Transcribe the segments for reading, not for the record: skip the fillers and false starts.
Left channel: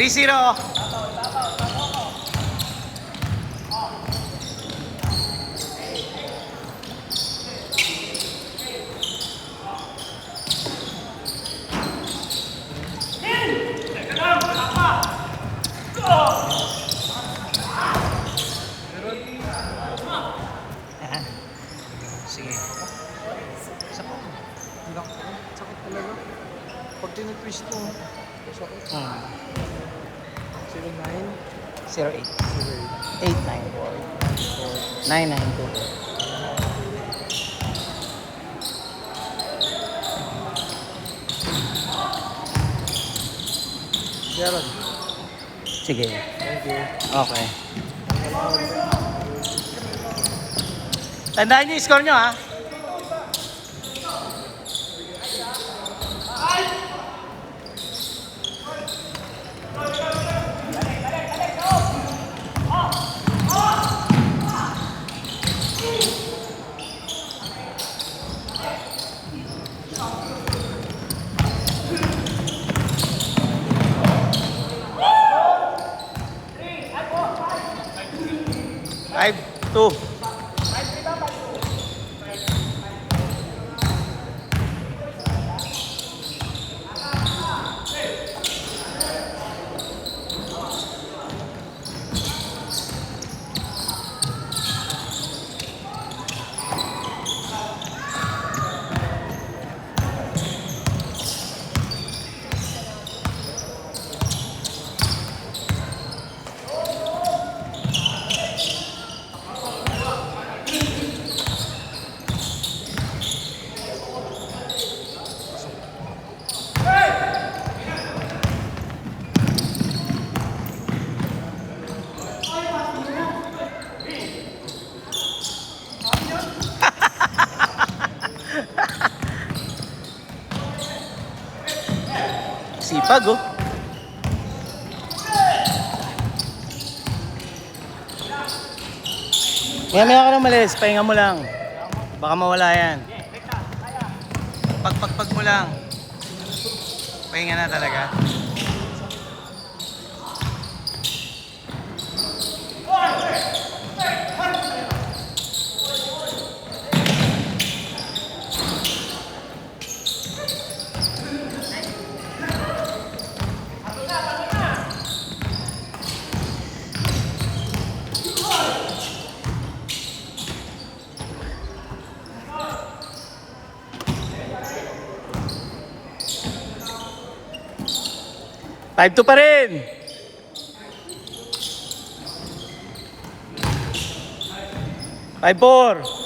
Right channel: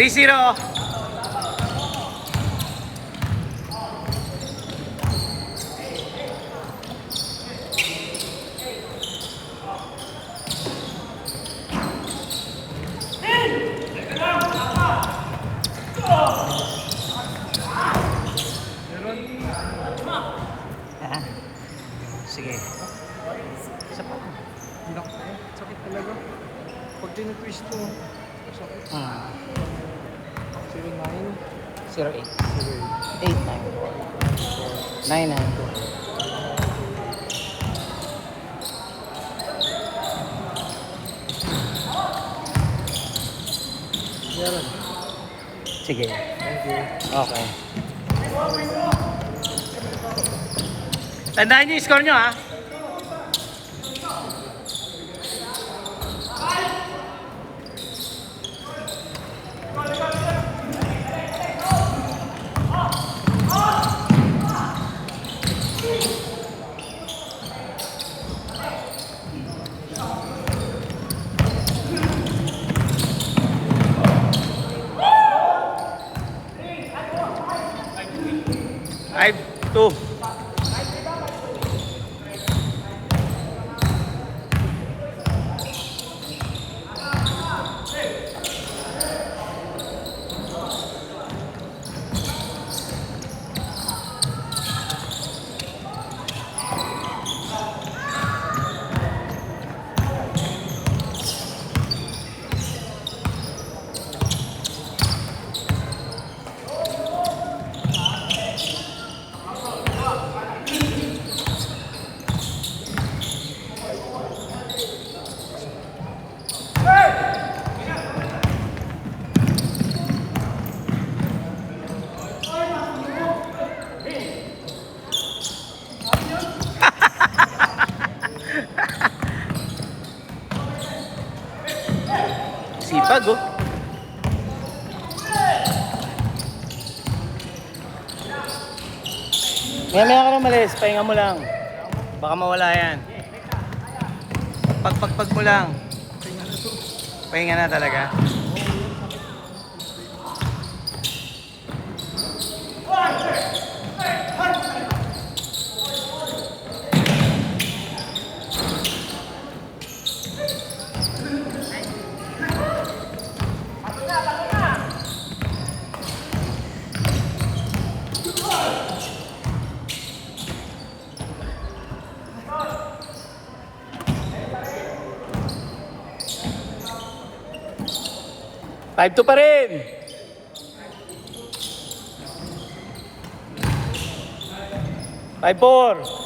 3-0. Sige. Isa pa. Sakit talaga. Pag tinitwist mo, sakit. 08. 8-9. 9-9. Gerald. Sige. Thank you. Okay. Tandaan niyo yung score nyo, ha? Five, 2. Sipag, oh. Maya ka lang malis, pahinga mo lang. Baka mawala yan. Pagpagpag mo lang. Pahinga na talaga. Five to pa rin. 5-4.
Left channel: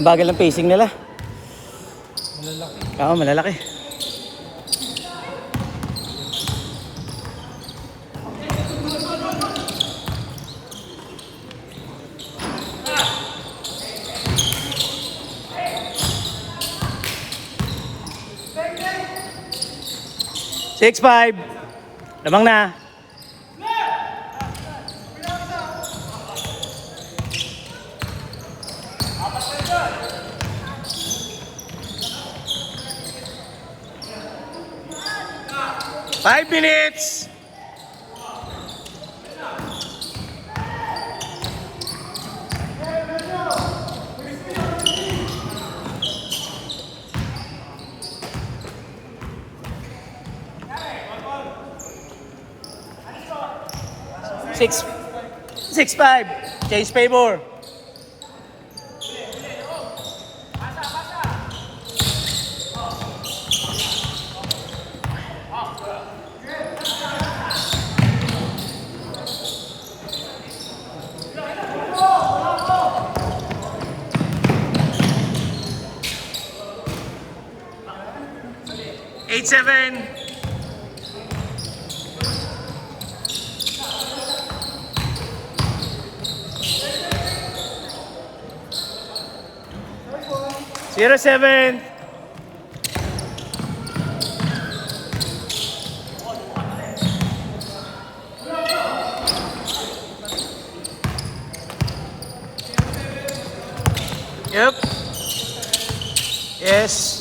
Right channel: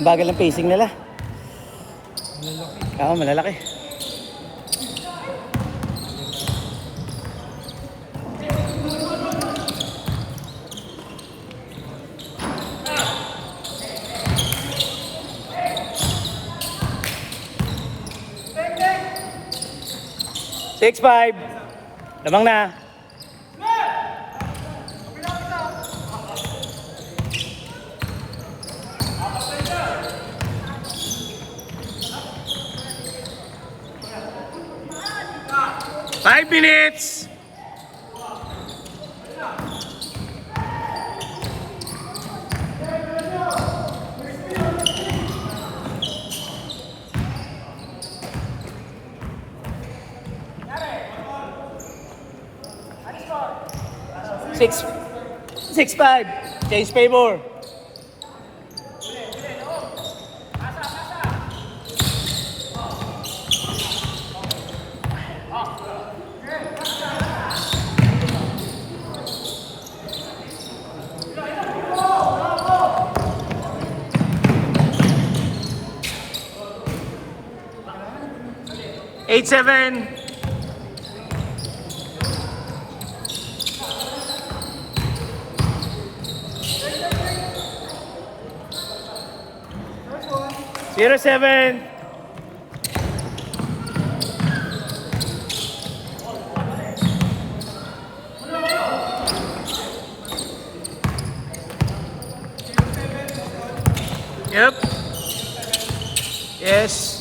Ang bagal ng pacing nila. Malalaki. Oo, malalaki. Six, 5. Lamang na. Five minutes. 6-5. Change favor. Eight, 7. Zero, 7. Yep. Yes.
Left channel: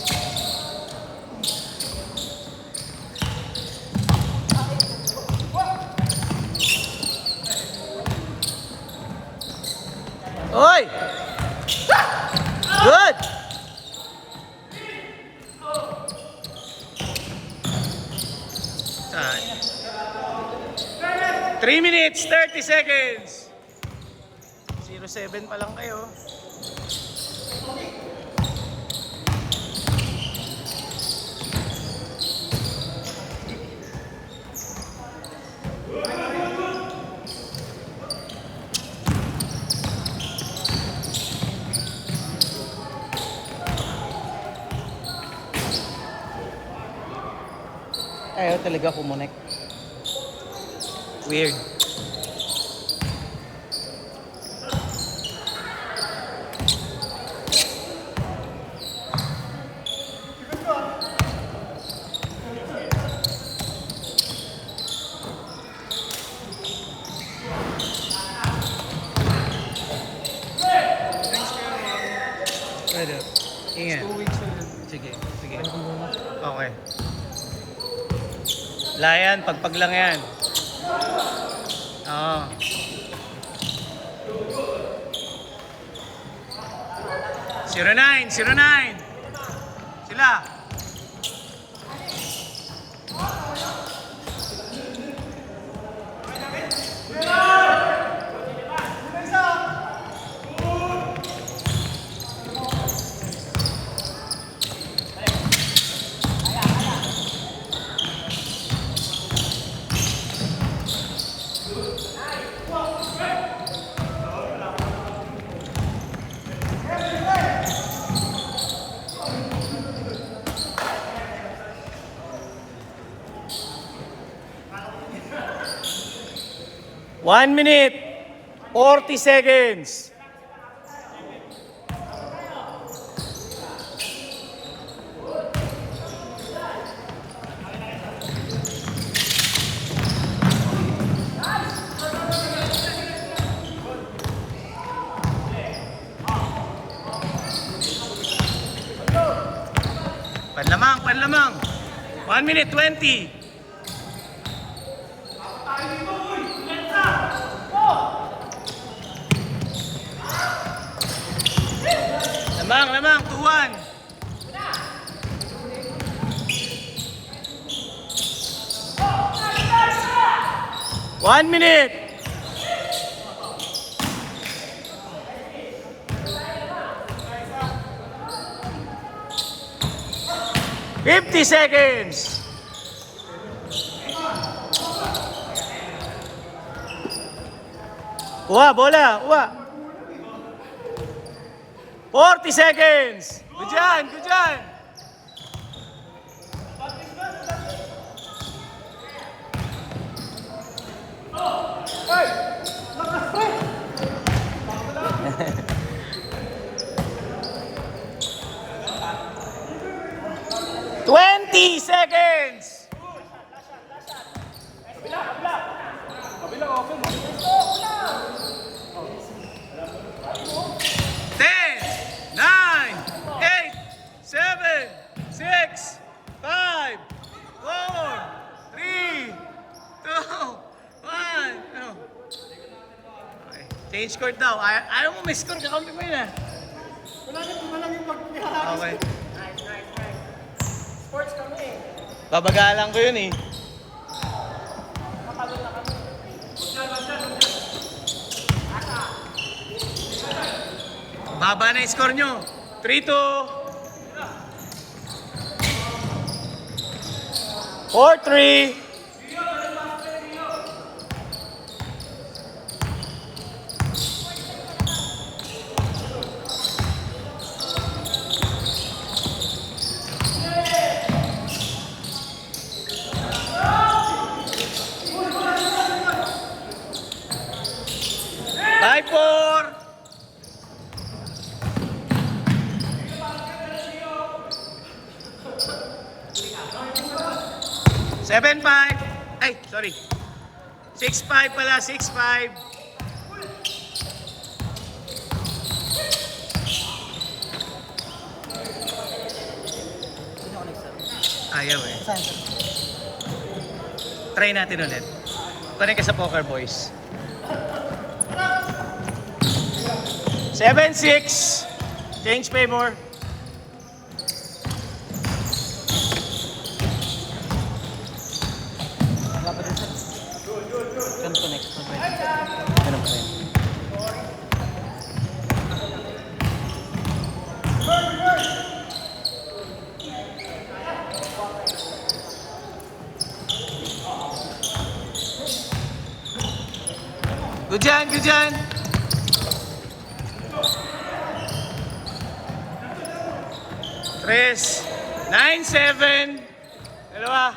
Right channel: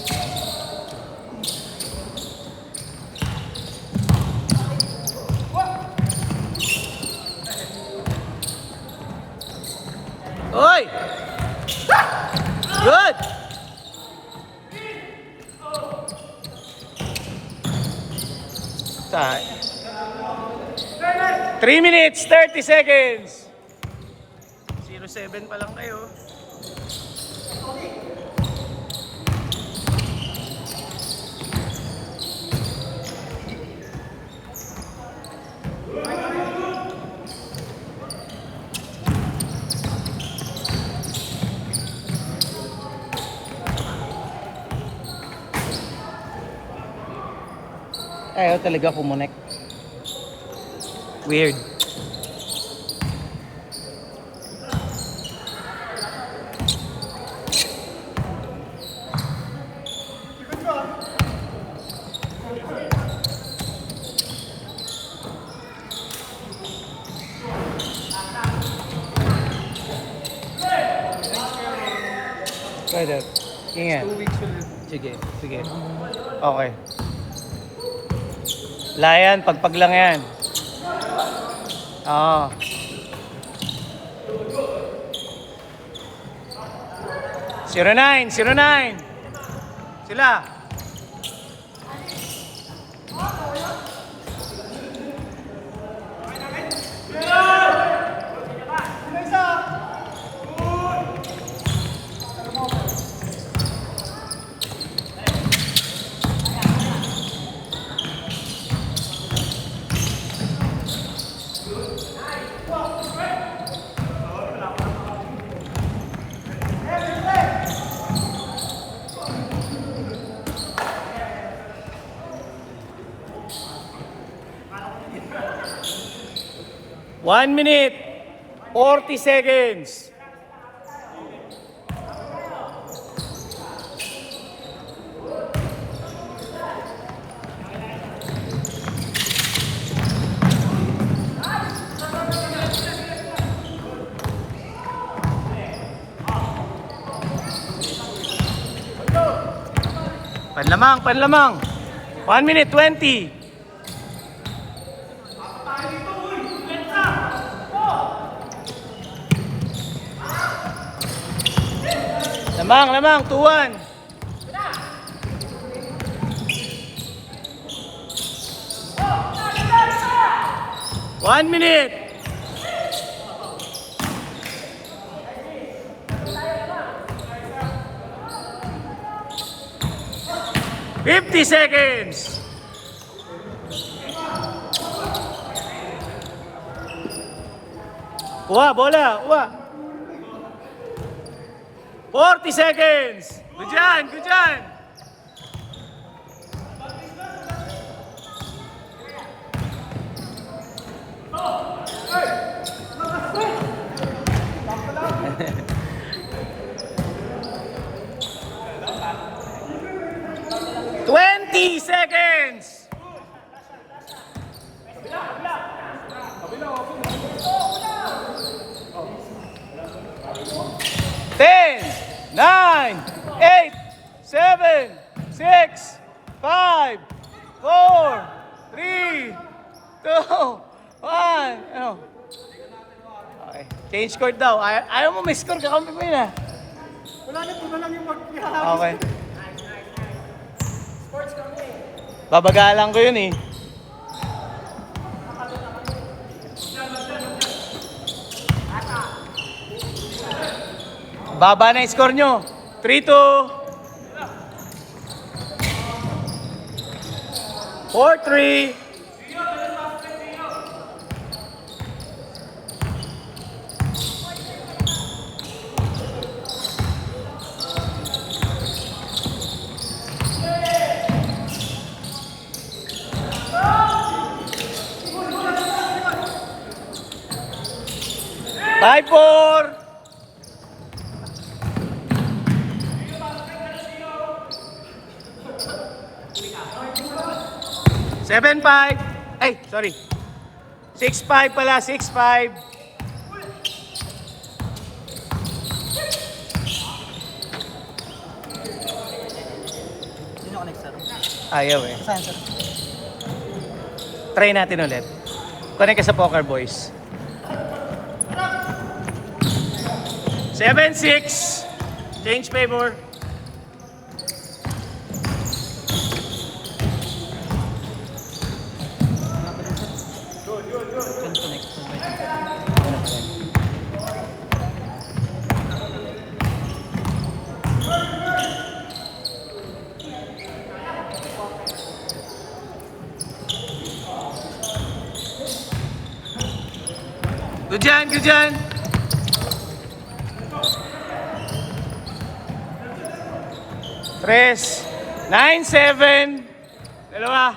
Oi! Good! Saan? 3 minutes, 30 seconds. 0-7 pa lang kayo. Kaya talaga kumunik. Weird. Pwede. Ingat. 2 weeks ulit. Sige, sige. Okay. Layan, pagpag lang yan. Oo. Zero 9, 09. Sila. One minute, 40 seconds. Panlamang, panlamang. 1 minute, 20. Lamang, lamang, 2-1. One minute. Fifty seconds. Uwa, bola, uwa. 40 seconds. Good dyan, good dyan. Twenty seconds. 10, 9, 8, 7, 6, 5, 4, 3, 2, 1. Ano? Okay. Change court daw. Ayaw mo may score, kakampi mo yun ah. Wala na, iba lang yung pag-ihagis. Okay. Babagalan ko yun eh. Baba na yung score nyo. 3-2. 4-3. Five, 4. 7-5. Ay, sorry. 6-5 pala, 6-5. Ayaw eh. Try natin ulit. Connect ka sa Poker Boys. 7-6. Change favor. Good dyan, good dyan. Tres. 9-7. Dalawa.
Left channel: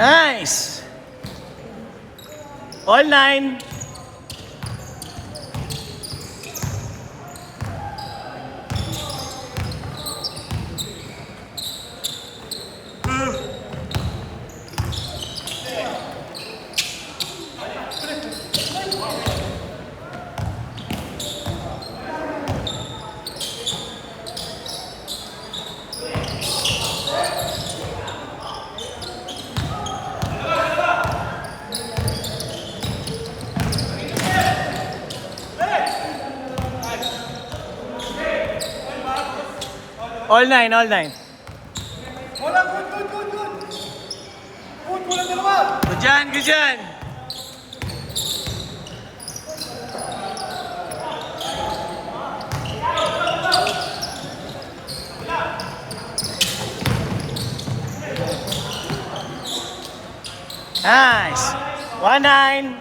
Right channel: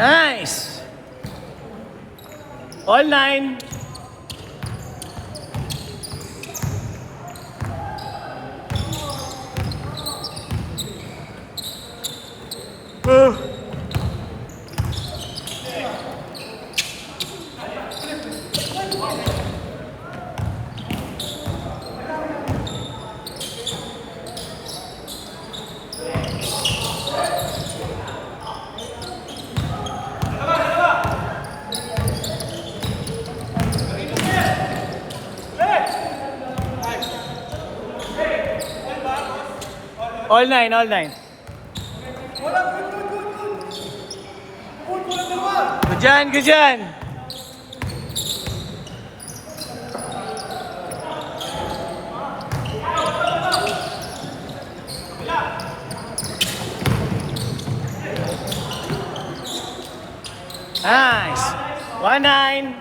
Nice. All 9. All 9, all 9. Wala, good. Wala dalawa. Good dyan, good dyan. Nice. 1-9.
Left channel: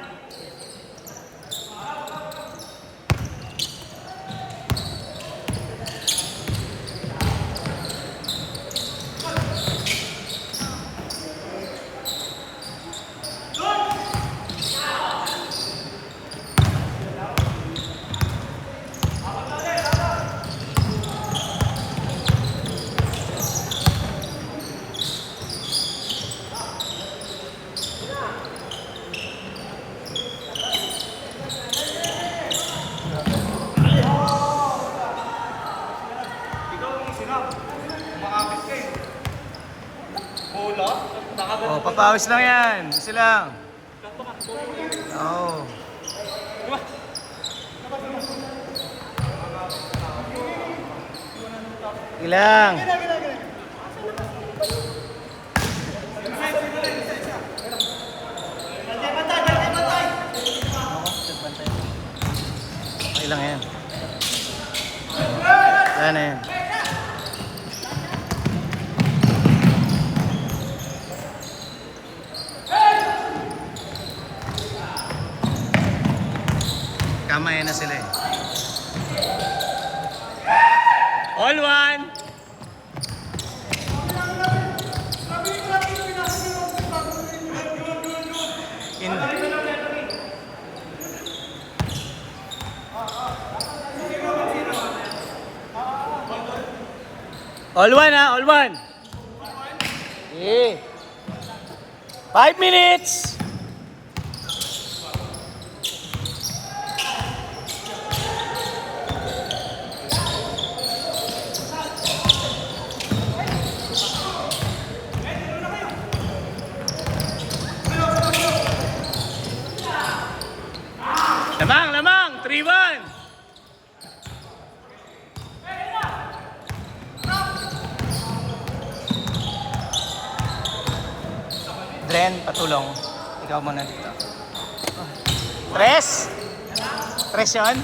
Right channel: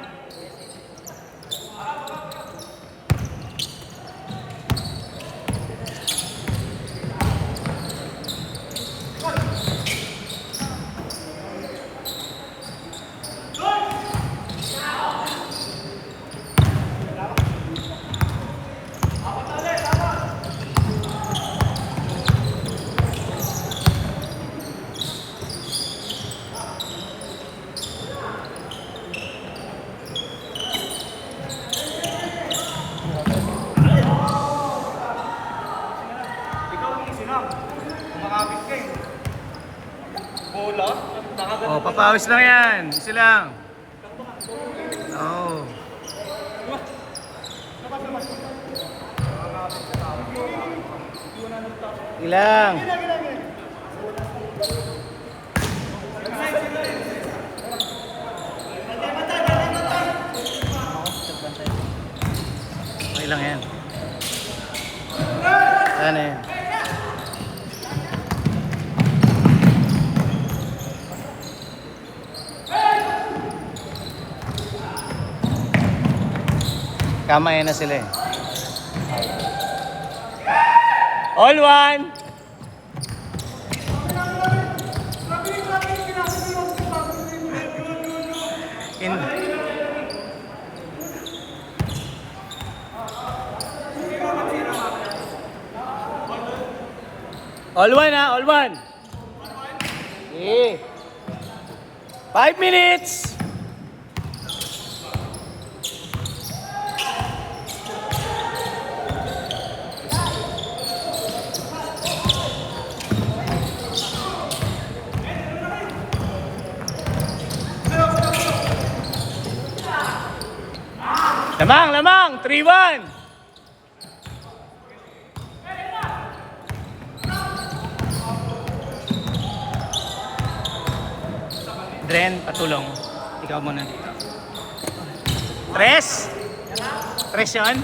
Makakabit ka eh. Bola? Oh, papawis lang yan. Isa lang. Oh. Ilang. Ilang yan. Yan na yan. Kamay na sila eh. All 1. In. All 1 ha, all 1. Yeah. 5 minutes. Ken, patulong. Ikaw muna dito. Tres? Tres yun?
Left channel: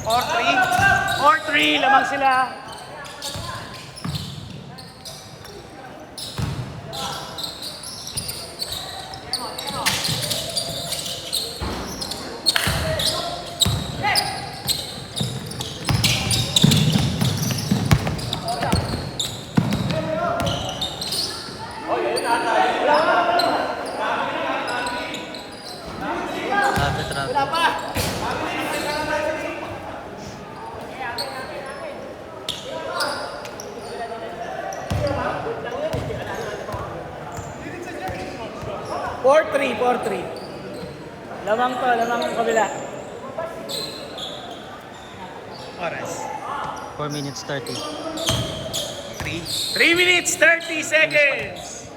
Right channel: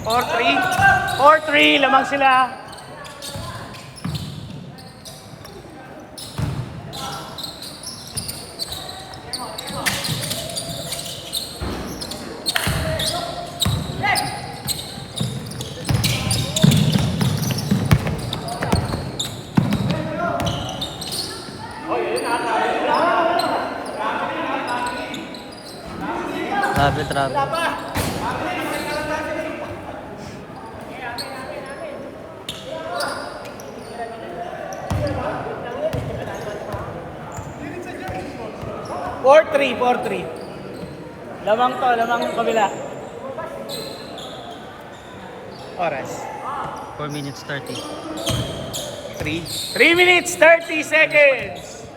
4-3? 4-3, lamang sila. Four three. Lamang kabila. Oras. 4 minutes 30. 3. 3 minutes, 30 seconds.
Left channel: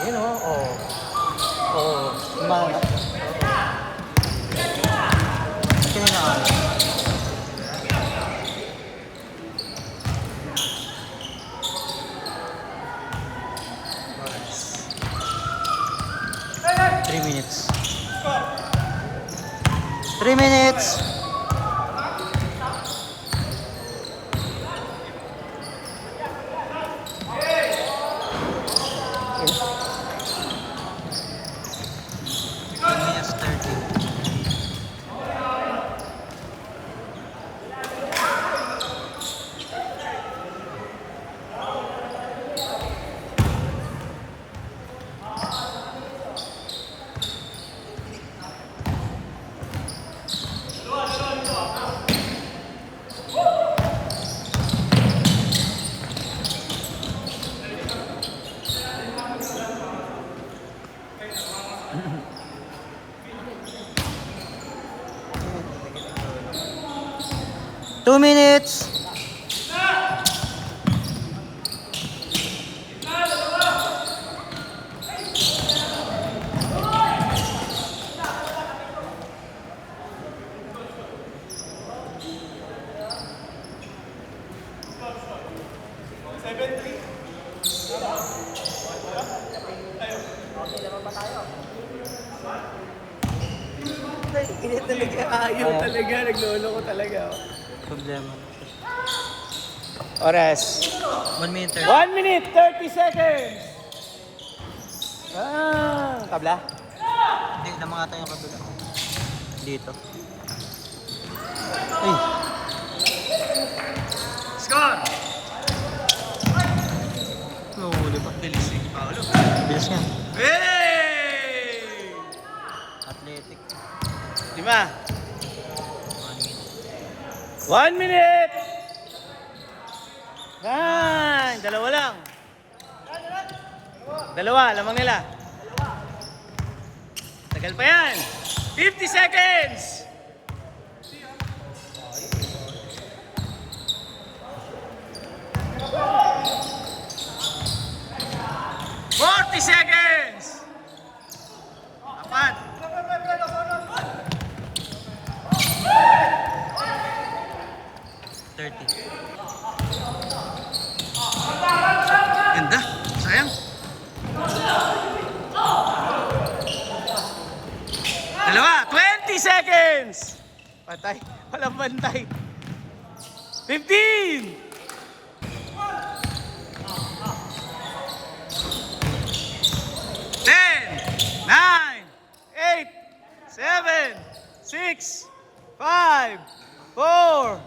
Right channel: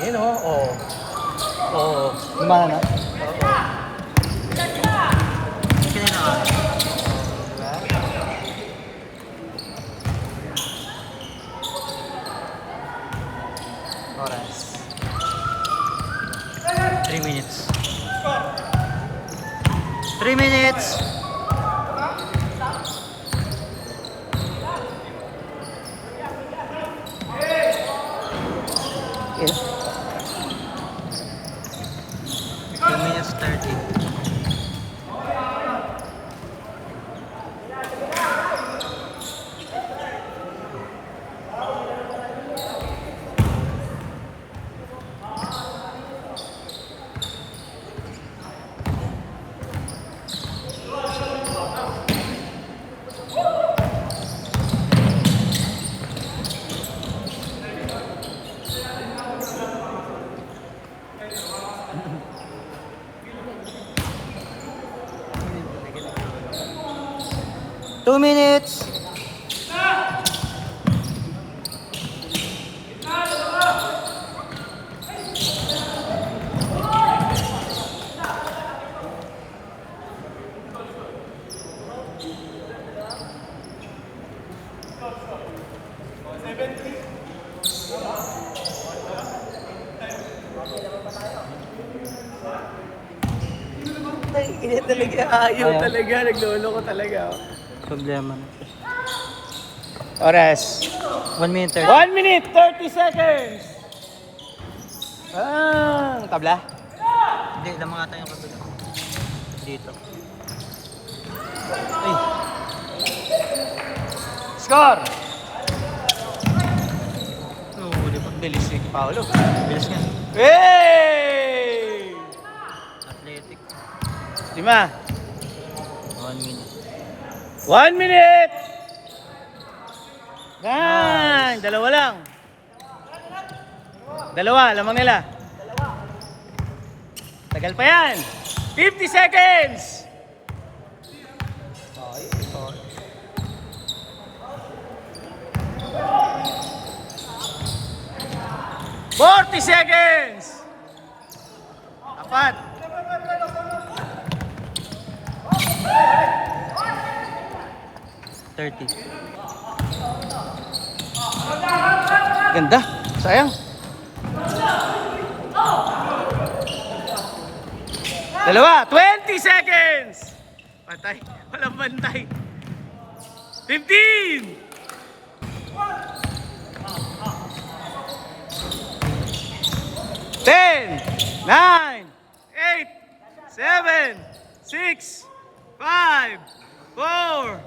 Ayun o. Oo. Kumana. Ito na na. Oras. 3 minutes. 3 minutes. Two minutes 30. Two minutes. Ganyan talaga, ayaw talaga, naglolo ko talaga. Problema. Oras. 1 minute 30. 1 minute, 30 seconds. Tabla? Hindi, lamang ata yung kabila. Dito. Score! Oo, huli pa. Bilis. Paulo. Bilis nga. Hey! Athletic. 5. 1 minute. 1 minute! Yan! Dalawa lang. Dalawa, lamang nila. Tagal pa yan. 50 seconds. ¡40 seconds! Apat. 30. Ganda. Sayang. Dalawa. 20 seconds. Patay. Walang bantay. 15. 10, 9, 8, 7, 6, 5, 4,